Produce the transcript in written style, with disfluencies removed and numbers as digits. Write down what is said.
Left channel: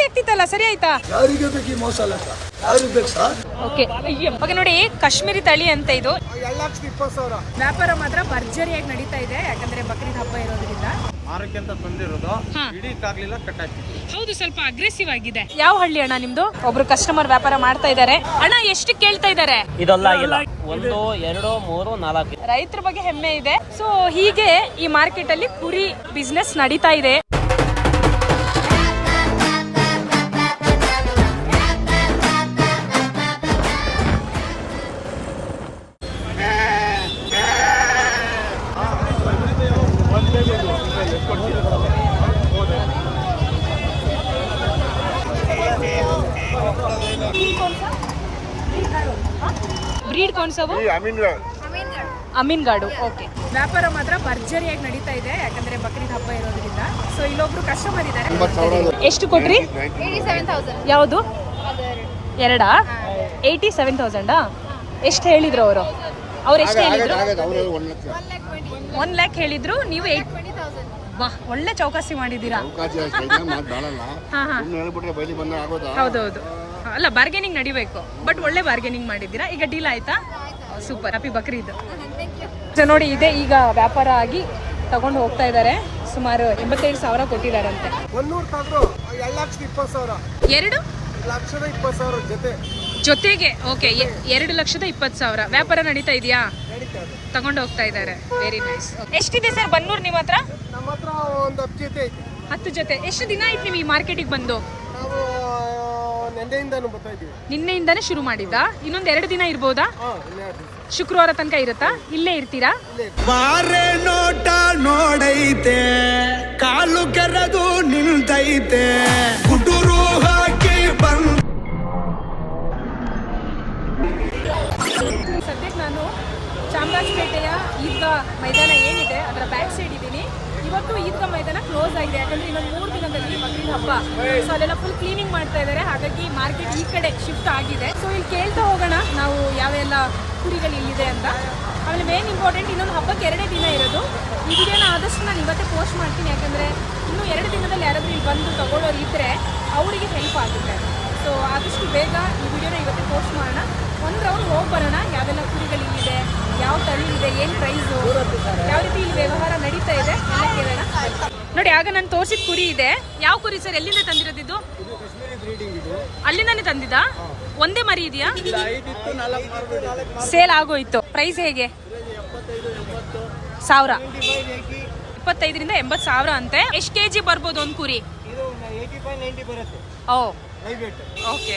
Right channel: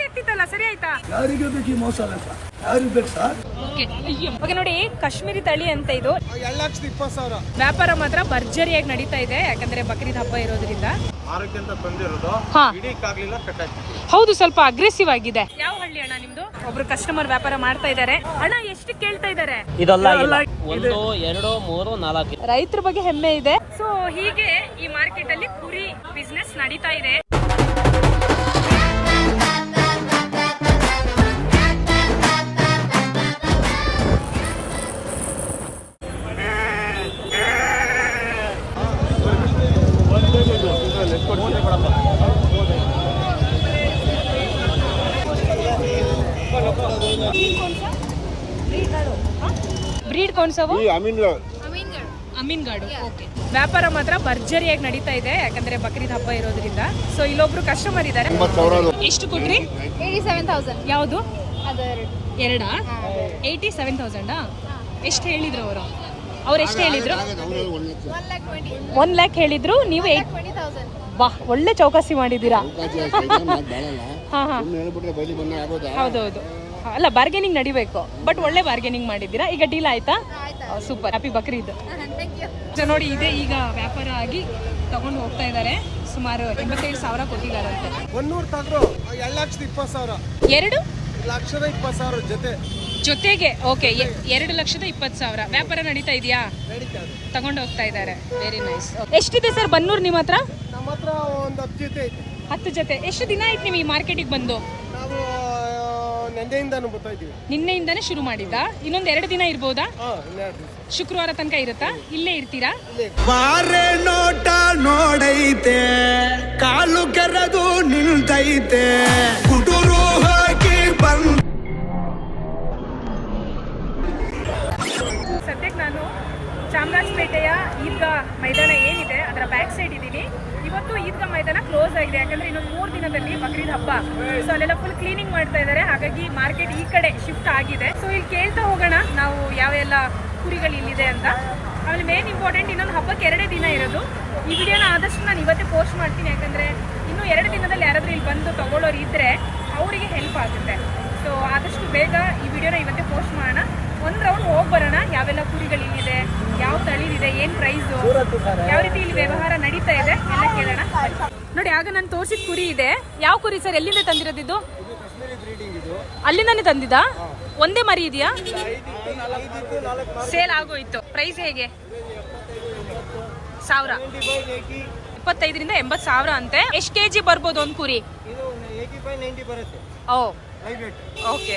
ಗಲಾಟೆ ಆಗ್ತಿತ್ತಲ್ಲ, ಸರಿ ಆಯ್ತಾ? ಯಾರಿಗೆ ಬೇಕು ಮೋಸ ಲೆಕ್ಕ? ಯಾರಿಗೆ ಬೇಕು ಸರ್? ಓಕೆ ನೋಡಿ, ಕಾಶ್ಮೀರಿ ತಳಿ ಅಂತ ಇದು. 2,20,000 ವ್ಯಾಪಾರ ಮಾತ್ರ ಭರ್ಜರಿಯಾಗಿ ನಡೀತಾ ಇದೆ, ಯಾಕಂದ್ರೆ ಬಕ್ರೀದ್ ಹಬ್ಬ ಇರೋದ್ರಿಂದ. ಹೌದು, ಸ್ವಲ್ಪ ಅಗ್ರೆಸಿವ್ ಆಗಿದೆ. ಯಾವ ಹಳ್ಳಿ ಅಣ್ಣ ನಿಮ್ದು? ಒಬ್ರು ಕಸ್ಟಮರ್ ವ್ಯಾಪಾರ ಮಾಡ್ತಾ ಇದ್ದಾರೆ. ಅಣ್ಣ ಎಷ್ಟು ಕೇಳ್ತಾ ಇದ್ದಾರೆ? ರೈತರ ಬಗ್ಗೆ ಹೆಮ್ಮೆ ಇದೆ. ಸೊ ಹೀಗೆ ಈ ಮಾರ್ಕೆಟ್ ಅಲ್ಲಿ ಕುರಿ ಬಿಸ್ನೆಸ್ ನಡೀತಾ ಇದೆ. ಬ್ರೀಡ್ कौन सा वो? ಅಮೀನ್ಗಾಡು. ಓಕೆ, ವ್ಯಾಪಾರ ಮಾತ್ರ ಭರ್ಜರಿಯಾಗಿ ನಡೀತಾ ಇದೆ, ಯಾಕಂದ್ರೆ ಬಕ್ರೀದ್ ಹಬ್ಬ ಇರೋದ್ರಿಂದ. ಸೊ ಇಲ್ಲೊಬ್ರು ಕಸ್ಟಮರ್ ಇದ್ದಾರೆ. ಎಷ್ಟು ಕೊಟ್ರಿ? 87,000. ಯಾವುದು? ಎರಡಾ? 87,000. ಎಷ್ಟು ಹೇಳಿದ್ರು ಅವರು? ಎಷ್ಟು ಹೇಳಿದ್ರು? 1 lakh ಹೇಳಿದ್ರು. ನೀವು 20,000. ವಾಹ್, ಒಳ್ಳೆ ಚೌಕಾಸಿ ಮಾಡಿದ್ದೀರಾ. ಹೌದೌದು, ಅಲ್ಲ ಬಾರ್ಗೇನಿಂಗ್ ನಡಿಬೇಕು, ಬಟ್ ಒಳ್ಳೆ ಬಾರ್ಗೇನಿಂಗ್ ಮಾಡಿದ್ದೀರಾ. ಈಗ ಡೀಲ್ ಆಯ್ತಾ? Super, happy Bakrid. ನೋಡಿ, ಇದೆ ಈಗ ವ್ಯಾಪಾರ ಆಗಿ ತಗೊಂಡು ಹೋಗ್ತಾ ಇದ್ದಾರೆ. ಸುಮಾರು 87,000 ಕೊಟ್ಟಿದ್ದಾರಂತೆ. 2,20,000 ಜೊತೆಗೆ. ಓಕೆ, 2,20,000 ವ್ಯಾಪಾರ ನಡೀತಾ ಇದೆಯಾ? ತಗೊಂಡು ಹೋಗ್ತಾ ಇದ್ದಾರೆ. Very nice. ಎಷ್ಟಿದೆ ಸರ್ ಬನ್ನೂರ್ ನಿಮ್ಮ ಹತ್ರ? ನಮ್ಮ ಹತ್ರ ಒಂದು 10 ಜೊತೆ ಐತಿ. 10 ಜೊತೆ. ಎಷ್ಟು ದಿನ ಆಯ್ತು ನೀವು ಈ ಮಾರ್ಕೆಟಿಗೆ ಬಂದು? ನಾವು ನಿನ್ನೆಯಿಂದಾನೇ ಶುರು ಮಾಡಿದ್ದಾ? ಇನ್ನೊಂದು 2 ದಿನ ಇರ್ಬೋದಾ? ಶುಕ್ರವಾರ ತನಕ ಇರುತ್ತಾ? ಇಲ್ಲೇ ಇರ್ತೀರಾ? ಬಾರೆ ನೋಟ ನೋಡೈತೆ, ಕಾಲು ಕೆರದು ನಿಲ್ತೈತೆ, ಕುಟುರು ಹಾಕಿ ಬಂದ. ಸದ್ಯಕ್ಕೆ ನಾನು ಚಾಮರಾಜಪೇಟೆಯ ಈದ್ಗಾ ಮೈದಾನ ಏನಿದೆ ಅದರ ಬ್ಯಾಕ್ ಸೈಡ್ ಇದ್ದೀನಿ. ಇವತ್ತು ಈದ್ಗಾ ಮೈದಾನ ಕ್ಲೋಸ್ ಆಗಿದೆ, ಯಾಕಂದ್ರೆ ಇನ್ನೊಂದು 3 ದಿನದಲ್ಲಿ ಬಕ್ರೀದ್ ಹಬ್ಬ. ಸೊ ಅಲ್ಲೆಲ್ಲ ಫುಲ್ ಕ್ಲೀನಿಂಗ್ ಮಾಡ್ತಾ ಇದ್ದಾರೆ, ಹಾಗಾಗಿ ಮಾರ್ಕೆಟ್ ಈ ಕಡೆ ಶಿಫ್ಟ್ ಆಗಿದೆ. ಸೊ ಇಲ್ಲಿ ಕೇಳ್ತಾ ಹೋಗೋಣ ನಾವು ಯಾವೆಲ್ಲ ಕುರಿಗಳು ಇಲ್ಲಿದೆ ಅಂತ. ಆಮೇಲೆ ಮೇನ್ ಇಂಪಾರ್ಟೆಂಟ್, ಇನ್ನೊಂದು ಹಬ್ಬಕ್ಕೆ 2 ದಿನ ಇರೋದು. ಈ ವಿಡಿಯೋನ ಆದಷ್ಟು ನಾನು ಇವತ್ತೇ ಪೋಸ್ಟ್ ಮಾಡ್ತೀನಿ, ಯಾಕಂದರೆ ಇನ್ನೂ 2 ದಿನದಲ್ಲಿ ಯಾರಾದರೂ ಇಲ್ಲಿ ಬಂದು ತಗೊಳ್ಳೋರು ಇದ್ದರೆ ಅವರಿಗೆ ಹೆಲ್ಪ್ ಆಗುತ್ತೆ. ಸೊ ಆದಷ್ಟು ಬೇಗ ಈ ವಿಡಿಯೋನ ಇವತ್ತೇ ಪೋಸ್ಟ್ ಮಾಡೋಣ. ಒಂದು ರೌಂಡ್ ಹೋಗಿ ಬರೋಣ, ಯಾವೆಲ್ಲ ಕುರಿಗಳು ಇಲ್ಲಿದೆ, ಯಾವ ತಳಿ ಇದೆ, ಏನು ಪ್ರೈಸು, ಯಾವ ರೀತಿ ಇಲ್ಲಿ ವ್ಯವಹಾರ ನಡೀತಾ ಇದೆ ಎಲ್ಲ ಕೇಳೋಣ. ನೋಡಿ, ಆಗ ನಾನು ತೋರಿಸಿದ ಕುರಿ ಇದೆ. ಯಾವ ಕುರಿ ಸರ್? ಎಲ್ಲಿಂದ ತಂದಿರೋದಿದ್ದು? ಅಲ್ಲಿಂದಾನೇ ತಂದಿದ್ದಾ? ಒಂದೇ ಮರಿ ಇದೆಯಾ? ಸೇಲ್ ಆಗೋಯ್ತು. ಪ್ರೈಸ್ ಹೇಗೆ? 1000. 75,000 ರಿಂದ 80,000 ಅಂತೆ. ಎಷ್ಟು ಕೆಜಿ ಬರ್ಬೋದು ಒಂದು ಕುರಿ? ಇದು 85-90 ಬರುತ್ತೆ. ಓ, ಲೈವ್ ವೇಟ್. ಓಕೆ.